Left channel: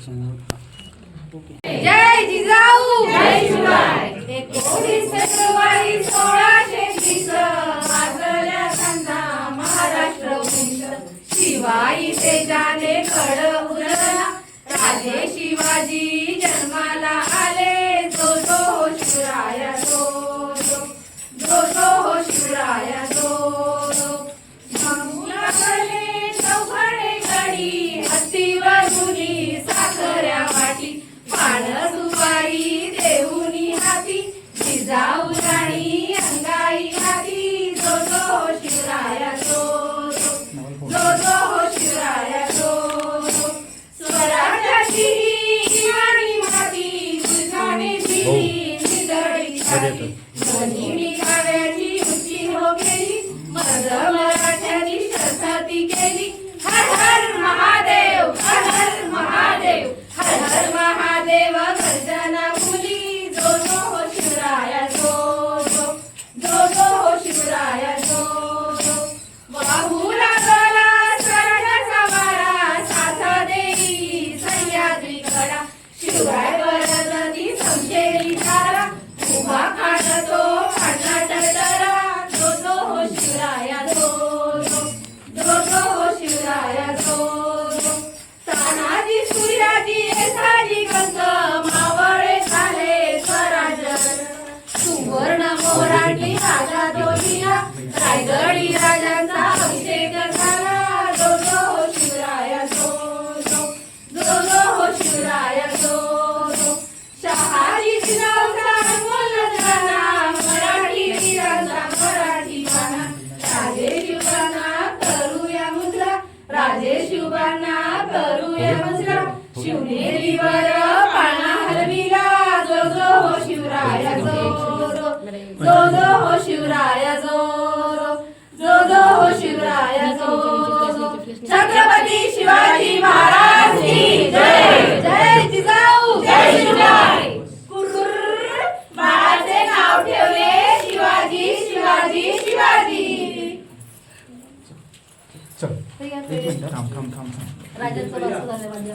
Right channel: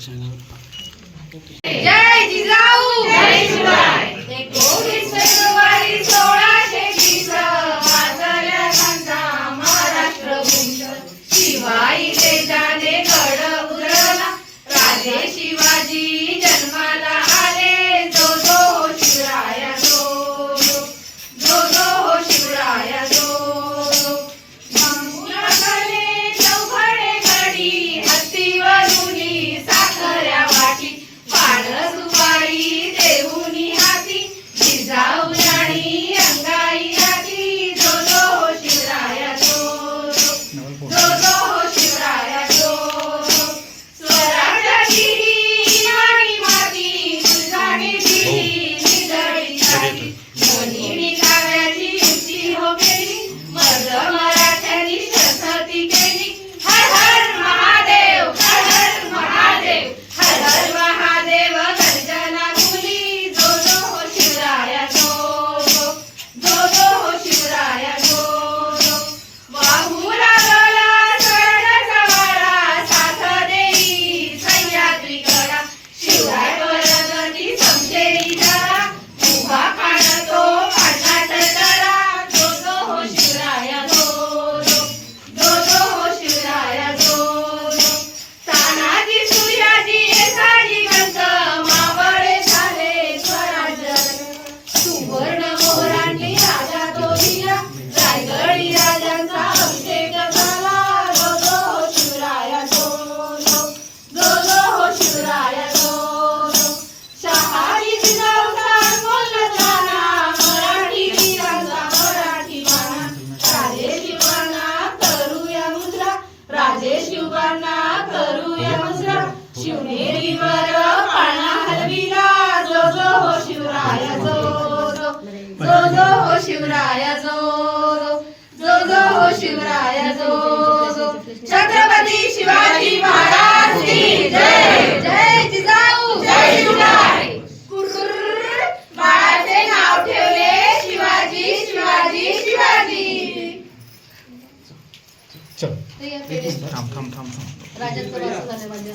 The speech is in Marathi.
जय जिजाऊ जय शिवाय 19 फेब्रुवारी 1620 वाजल्या घंटा महाराष्ट्र भूषण शिवाई तेजाने गड उधळला राजे शिवाजी जन्माला आले जो जो शिवराया जो जो जो शिवराया जो मंगुला गले चौघडे गडी हत्तीवरुनी साखऱ्या वाटी पाण सुपारी देऊनी हाती जिजाऊ राणी अंगाई आधी जो जो शिवराया जो जो जो शिवराया जो स्वराज्याची आणि माती तुझाने दिली निगडी दोन्ही विकाव्याची युक्ती हो केली मर्द मराठ्यांनी शर्थी केली हर हर महादेव हर हर महादेव हर हर महादेव गर्जना मुली जो जो शिवराया जो जो जो शिवराया जो वाहू लागला स्वर्गाचा वारा साथ देई सह्याद्री कडा शिवराय वरगती समशेरी तारा उभा काढतो पाटात तारा जो जो शिवराया जो जो शिवराया जो तानाजी सूर्याजी साडी गंध मावळे झाले स्वराज्य सुवर्ण मोरांनी राजा दोहिला रायगडी राजांचा अभिषेक झाला जो जो शिवराया जो जो शिवराया जो शहाजी जिजाऊचा बोलला जाना मराठी वीरांचा मराठी बाणा राजे शिवांना करूया मुद्रा राजे शिवांना करूया मुद्रा शिवनेरीवर पाळणा हलविला जो जो शिवराया जो जो जो शिवराया जो जो जो शिवराया जो छत्रपती शिवाजी महाराज की जय जय जिजाऊ जय शिवराय बाळाचे नाव ठेवले शिवाजी शिवाजी शिवाजी राजाचं वाचन झालं माझ्या